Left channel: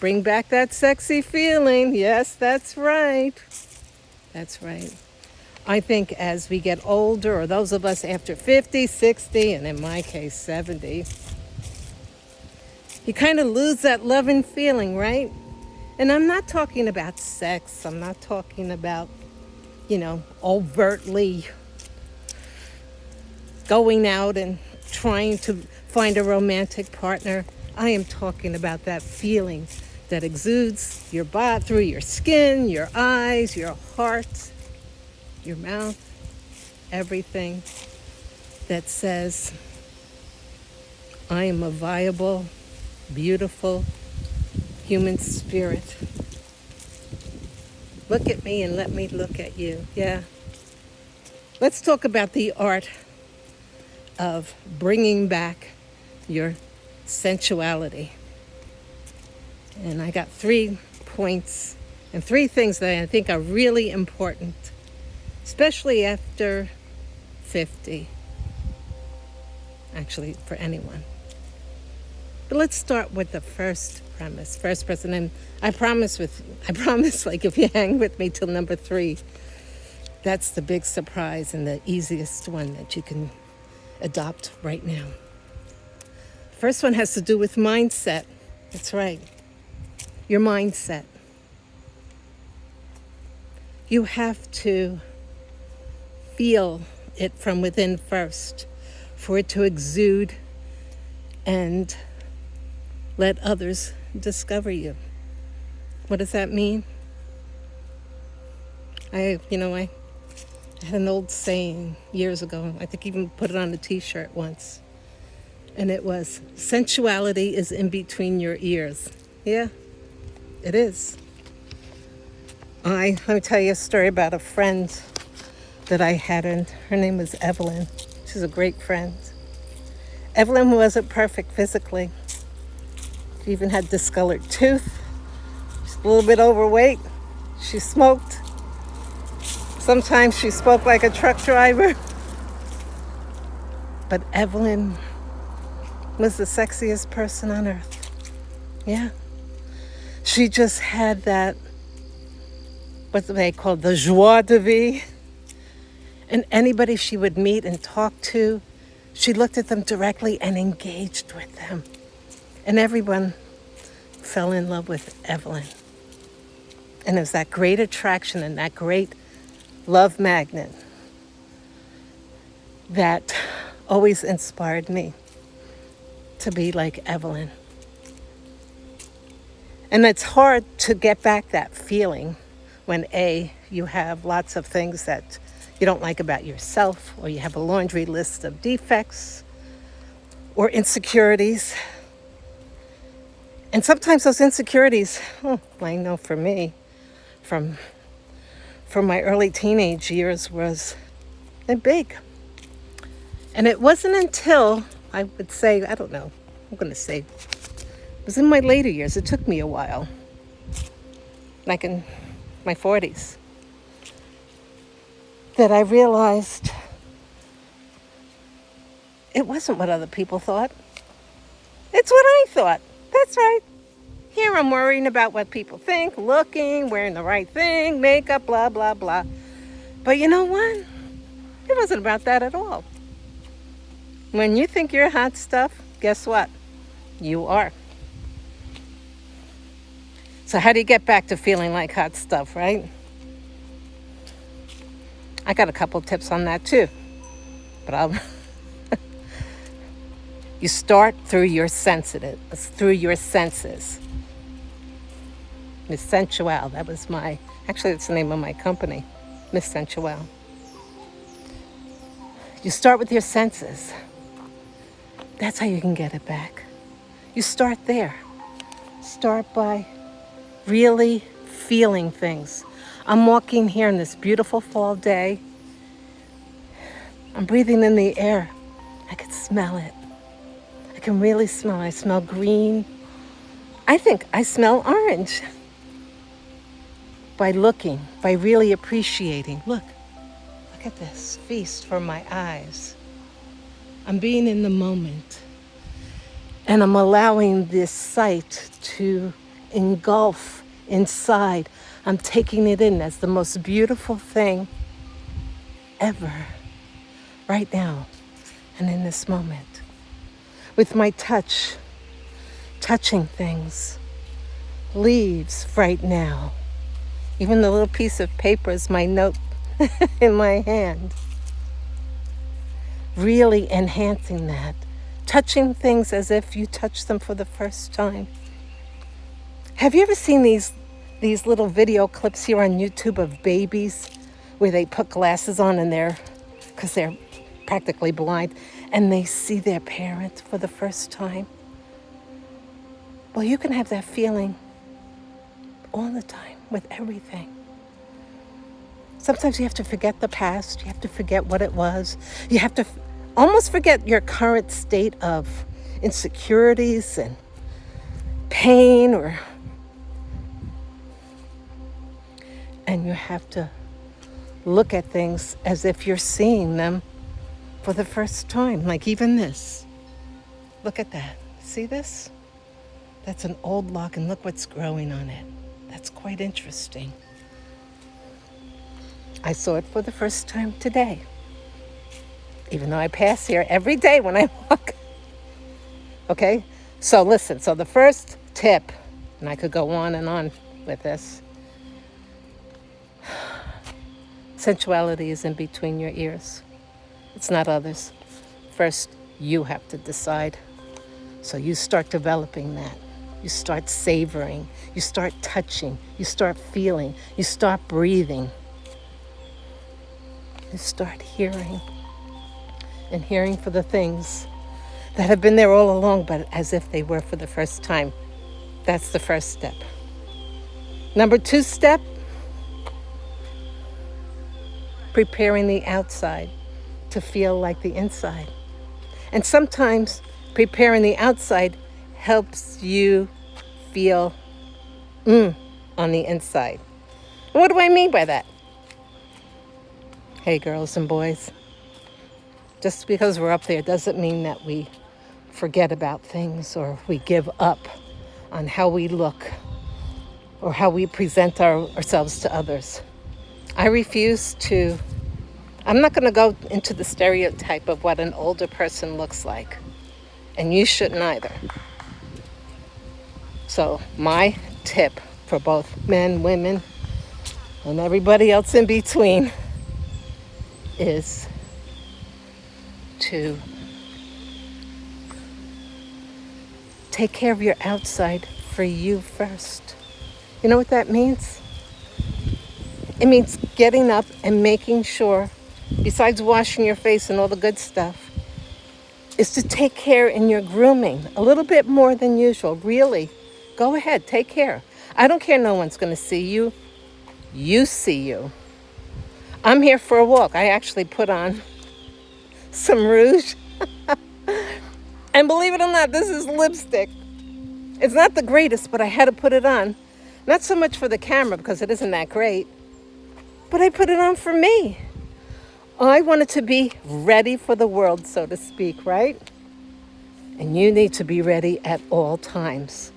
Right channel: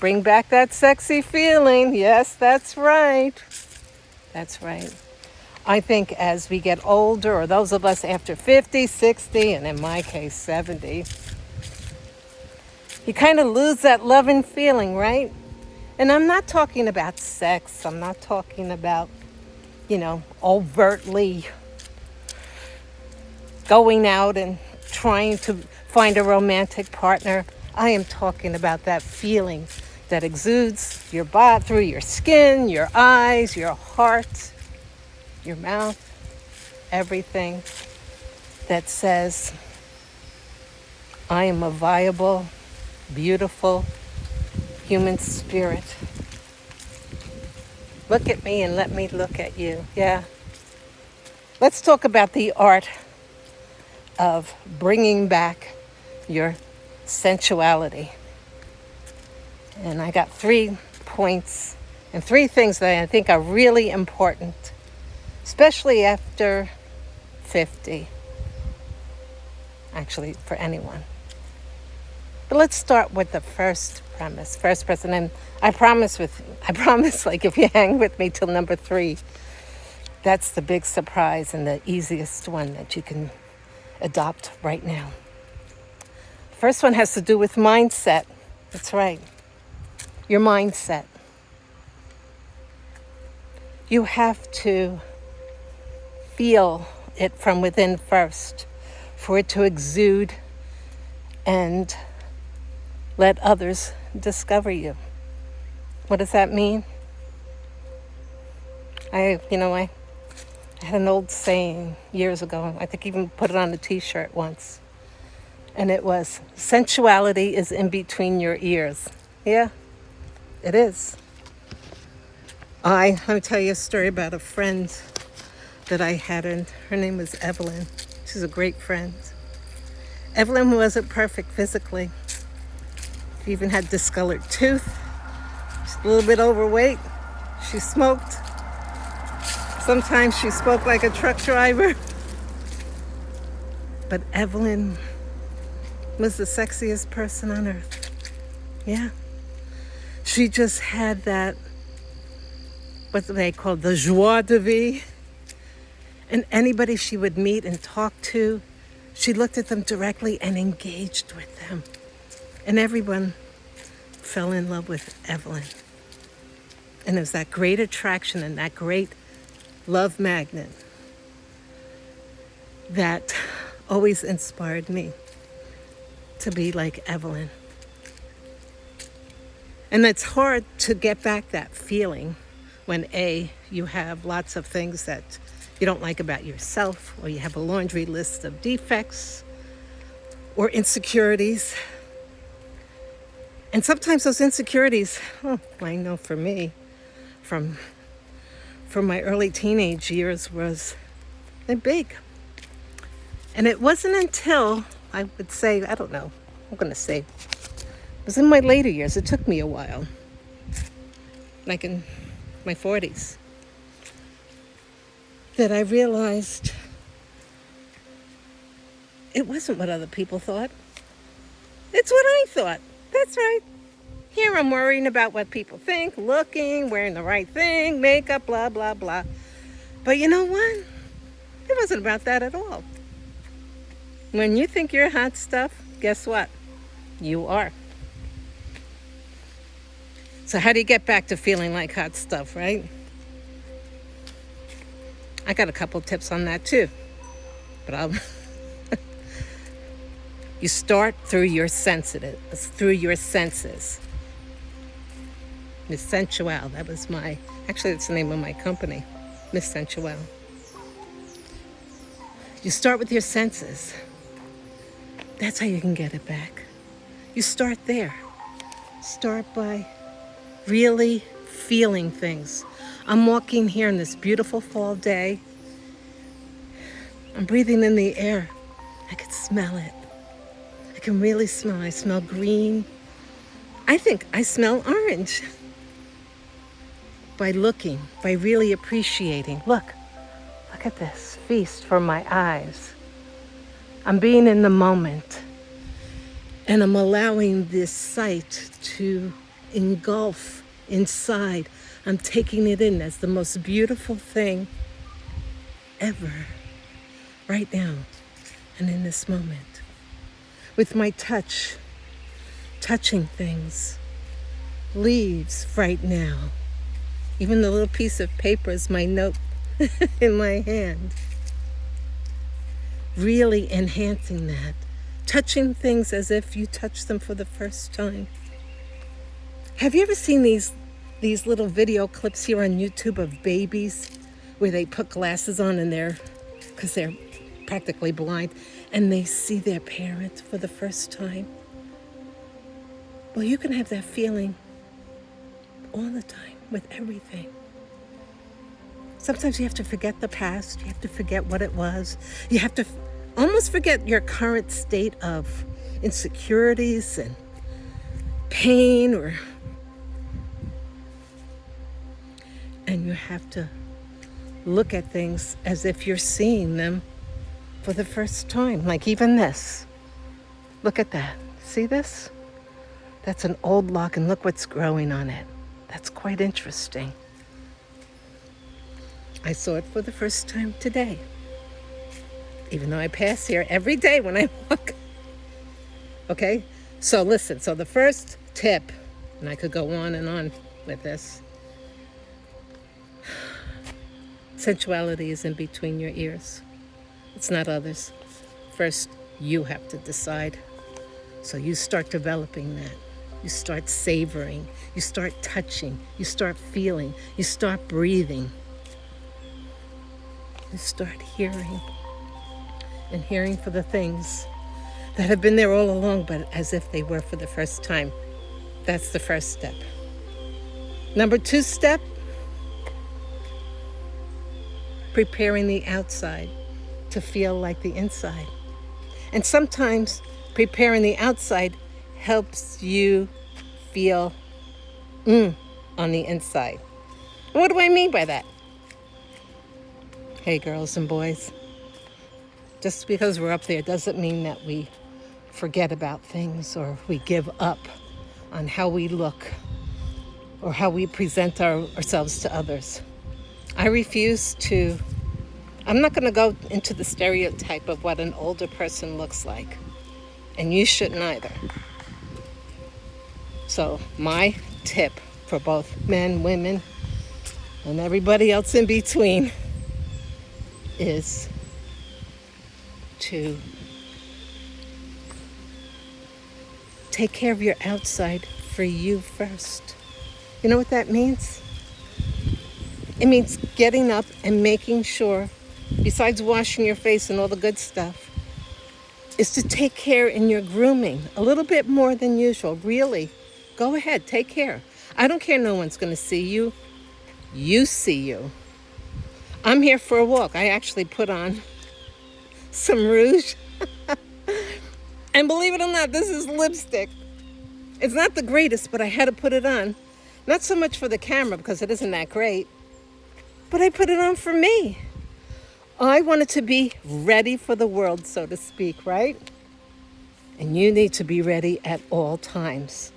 Bring back that sexy feeling. Yes, that's right. That's right. I think as we get older, or those of us after 50, 60, and in my case, 70, you kind of lose that loving feeling, right? And I'm not talking about sex. I'm not talking about, overtly going out and trying to find a romantic partner. I am talking about that feeling that exudes your body, through your skin, your eyes, your heart, your mouth, everything that says, I am a viable, beautiful human spirit. Look at me and let me look at you. Yeah. Let's talk about the art of bringing back your sensuality. And I got 3 points and 3 things that I think are really important, especially after 50. Actually, for anyone. But let's start with the first premise. And I promise, like, if you hang with me till number 3, that's the big surprise and the easiest one that you can adopt right now. First one has to do with mindset. That's right. Your mindset. You have to feel it from within first for it to exude and let others discover you. What does that mean? I had an old saying years ago. I think even put it on a t-shirt once. And it was, sensuality is in between your ears. Yeah, it is. Let me tell you a story about a friend that I had, and her name was Evelyn. She's a great friend. Evelyn wasn't perfect physically. She even had discolored tooth. She's a little bit overweight. She smoked. Sometimes she spoke like a truck driver. But Evelyn was the sexiest person on earth. Yeah. She just had that, what they call the joie de vivre. And anybody she would meet and talk to, she looked at them directly and engaged with them. And everyone fell in love with Evelyn. And it was that great attraction and that great love magnet that always inspired me to be like Evelyn. And it's hard to get back that feeling when you have lots of things that you don't like about yourself, or you have a laundry list of defects or insecurities. And sometimes those insecurities, I know for me, from my early teenage years, they're big. And it wasn't until, I would say, it was in my later years. It took me a while, like in my 40s, that I realized it wasn't what other people thought. It's what I thought. That's right. Here I'm worrying about what people think, looking, wearing the right thing, makeup, blah, blah, blah. But you know what? It wasn't about that at all. When you think you're hot stuff, guess what? You are. So how do you get back to feeling like hot stuff, right? I got a couple tips on that too. But you start through your senses. Miss Sensual, that's the name of my company, Miss Sensual. You start with your senses. That's how you can get it back. You start there. Start by really feeling things. I'm walking here on this beautiful fall day. I'm breathing in the air. I can smell it. I can really smell it. I smell green. I think I smell orange. By looking, by really appreciating. Look at this feast for my eyes. I'm being in the moment, and I'm allowing this sight to engulf inside. I'm taking it in as the most beautiful thing ever, right now and in this moment. With my touch, touching things, leaves right now. Even the little piece of paper is my note in my hand. Really enhancing that. Touching things as if you touch them for the first time. Have you ever seen these little video clips here on YouTube of babies where they put glasses on and because they're practically blind, and they see their parent for the first time? Well, you can have that feeling all the time with everything. Sometimes you have to forget the past. You have to forget what it was. You have to almost forget your current state of insecurities and pain, and you have to look at things as if you're seeing them for the first time. Like even this. Look at that. See this? That's an old log, and look what's growing on it. That's quite interesting. I saw it for the first time today, even though I pass here every day when I walk. Okay, so listen, so the first tip, and I could go on and on with this, sensuality is in between your ears. It's not others. First, you have to decide. So you start developing that. You start savoring. You start touching. You start feeling. You start breathing. You start hearing. And hearing for the things that have been there all along, but as if they were for the first time. That's the first step. Number 2 step, preparing the outside to feel like the inside. And sometimes preparing the outside helps you feel on the inside. What do I mean by that? Hey, girls and boys, just because we're up there doesn't mean that we forget about things or we give up on how we look or how we present ourselves to others. I'm not going to go into the stereotype of what an older person looks like, and you shouldn't either. So my tip for both men, women, and everybody else in between is to take care of your outside for you first. You know what that means? It means getting up and making sure, besides washing your face and all the good stuff, is to take care in your grooming a little bit more than usual. Really, go ahead, take care. I don't care, no one's going to see you. You see you. I'm here for a walk. I actually put on some rouge. And believe it or not, this is lipstick. It's not the greatest, but I had to put it on. Not so much for the camera because it isn't that great, but I put it on for me. I wanted to be ready for the world, so to speak, right? And you need to be ready at all times.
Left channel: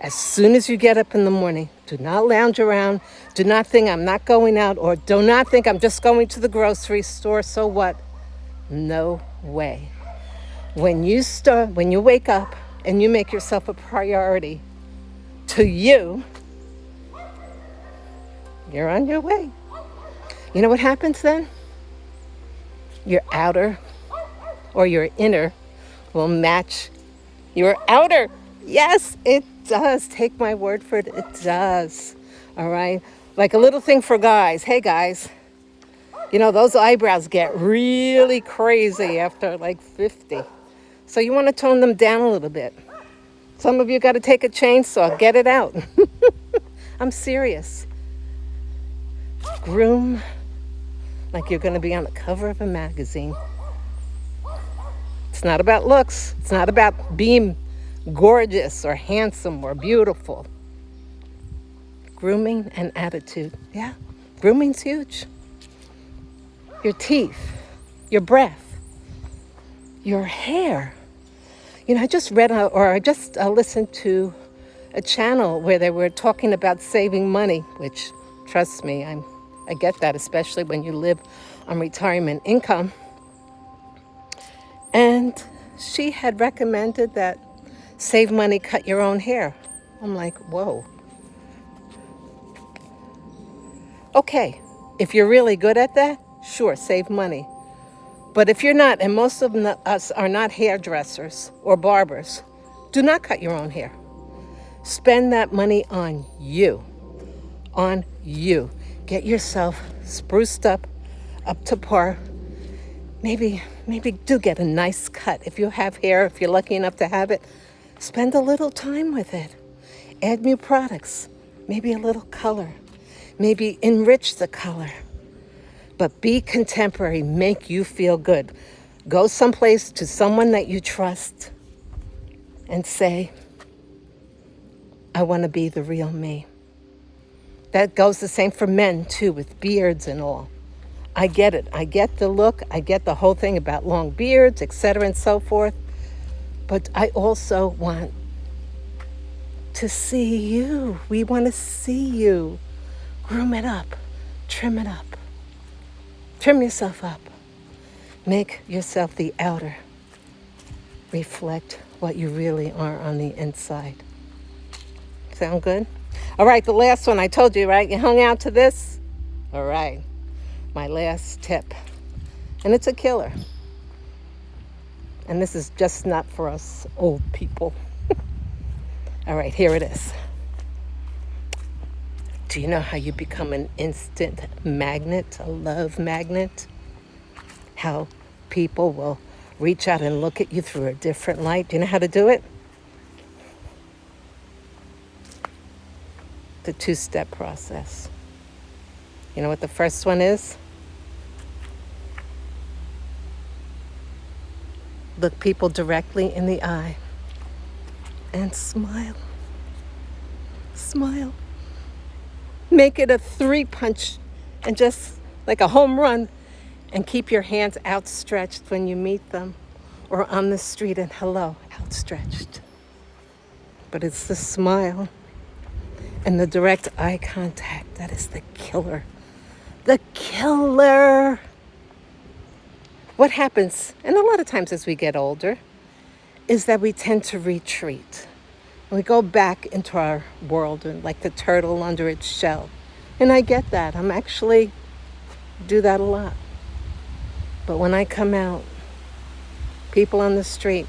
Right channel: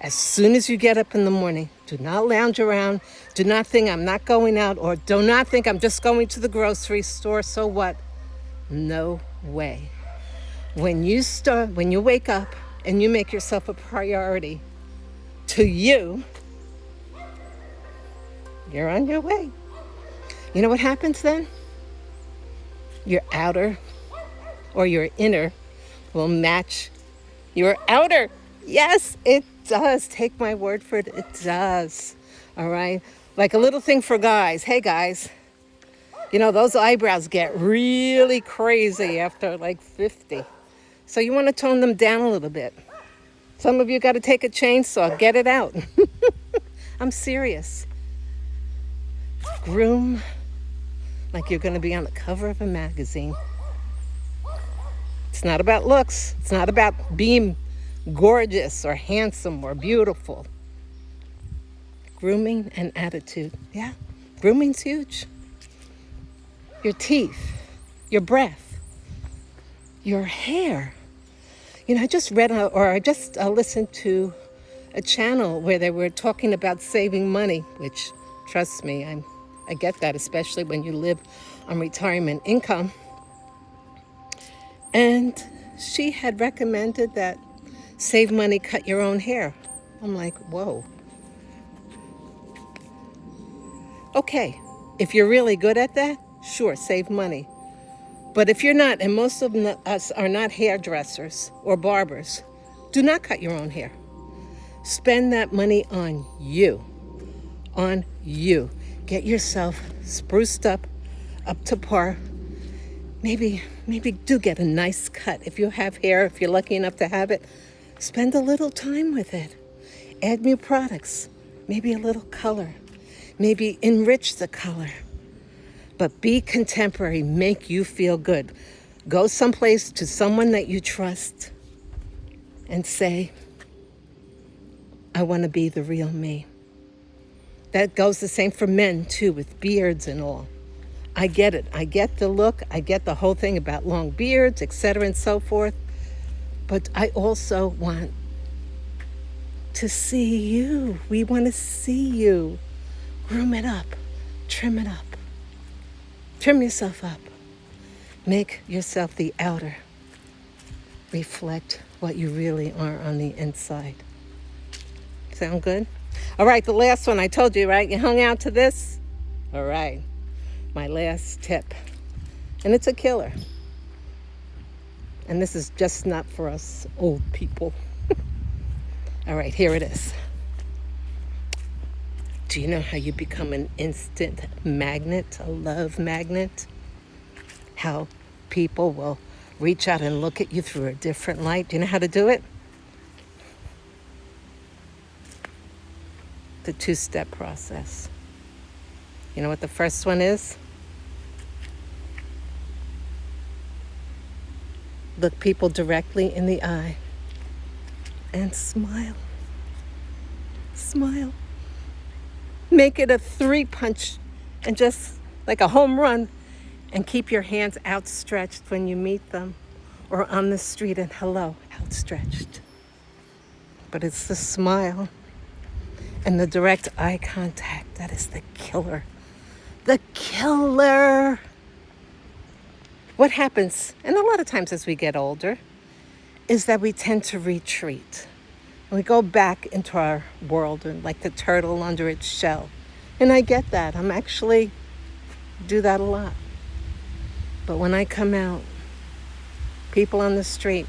As soon as you get up in the morning, do not lounge around. Do not think I'm not going out, or do not think I'm just going to the grocery store, so what? No way. When you wake up and you make yourself a priority to you, you're on your way. You know what happens then? Your outer or your inner will match your outer. Yes, it does. Take my word for it. It does. All right. Like a little thing for guys. Hey, guys. You know, those eyebrows get really crazy after like 50. So you want to tone them down a little bit. Some of you got to take a chainsaw. Get it out. I'm serious. Groom like you're going to be on the cover of a magazine. It's not about looks. It's not about being gorgeous or handsome or beautiful. Grooming and attitude. Yeah, grooming's huge. Your teeth, your breath, your hair. You know, I just listened to a channel where they were talking about saving money, which, trust me, I get that, especially when you live on retirement income. And she had recommended that save money, cut your own hair. I'm like, whoa. Okay, if you're really good at that, sure, save money. But if you're not, and most of us are not hairdressers or barbers, do not cut your own hair. Spend that money on you. On you. Get yourself spruced up to par. Maybe do get a nice cut. If you have hair, if you're lucky enough to have it, spend a little time with it. Add new products. Maybe a little color. Maybe enrich the color. But be contemporary. Make you feel good. Go someplace to someone that you trust and say, I want to be the real me. That goes the same for men, too, with beards and all. I get it. I get the look. I get the whole thing about long beards, etc. and so forth. But I also want to see you. We want to see you. Groom it up. Trim it up. Trim yourself up. Make yourself the outer reflect what you really are on the inside. Sound good? All right, the last one. I told you, right? You hung out to this? All right. My last tip. And it's a killer. And this is just not for us old people. All right, here it is. Do you know how you become an instant magnet, a love magnet? How people will reach out and look at you through a different light. Do you know how to do it? The two-step process. You know what the first one is? Look people directly in the eye and smile. Smile. Make it a 3-punch and just like a home run, and keep your hands outstretched when you meet them or on the street, and hello, outstretched. But it's the smile and the direct eye contact that is the killer. The killer. What happens, and a lot of times as we get older, is that we tend to retreat. We go back into our world and like the turtle under its shell. And I get that. I'm actually do that a lot. But when I come out, people on the street,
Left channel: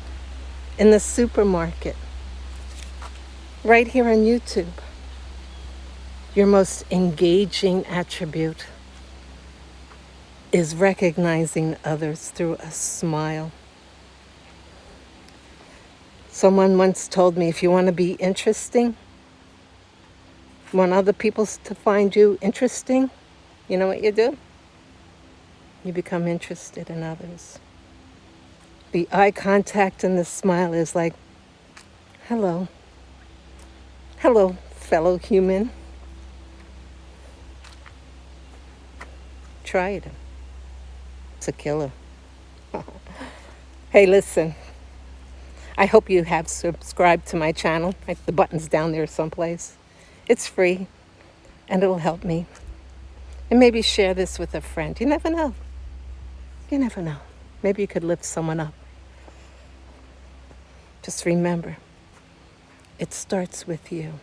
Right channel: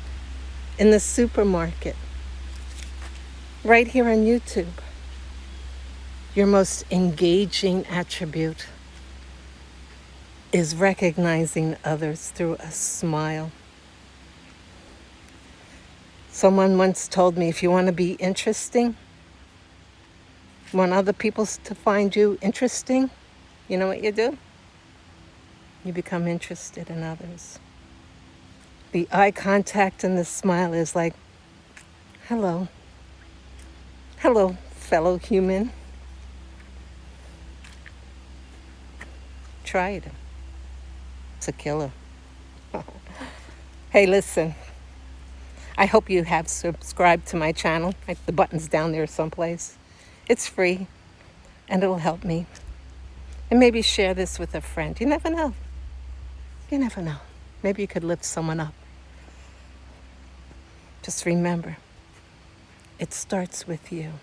in the supermarket, right here on YouTube, your most engaging attribute is recognizing others through a smile. Someone once told me, if you want to be interesting, want other people to find you interesting, you know what you do? You become interested in others. The eye contact and the smile is like, hello. Hello, fellow human. Try it. It's a killer. Hey, listen. I hope you have subscribed to my channel. The button's down there someplace. It's free, and it'll help me. And maybe share this with a friend. You never know. You never know. Maybe you could lift someone up. Just remember, it starts with you.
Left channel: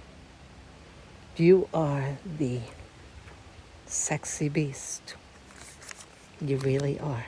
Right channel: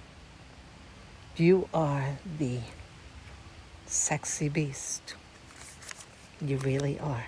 You are the sexy beast. You really are.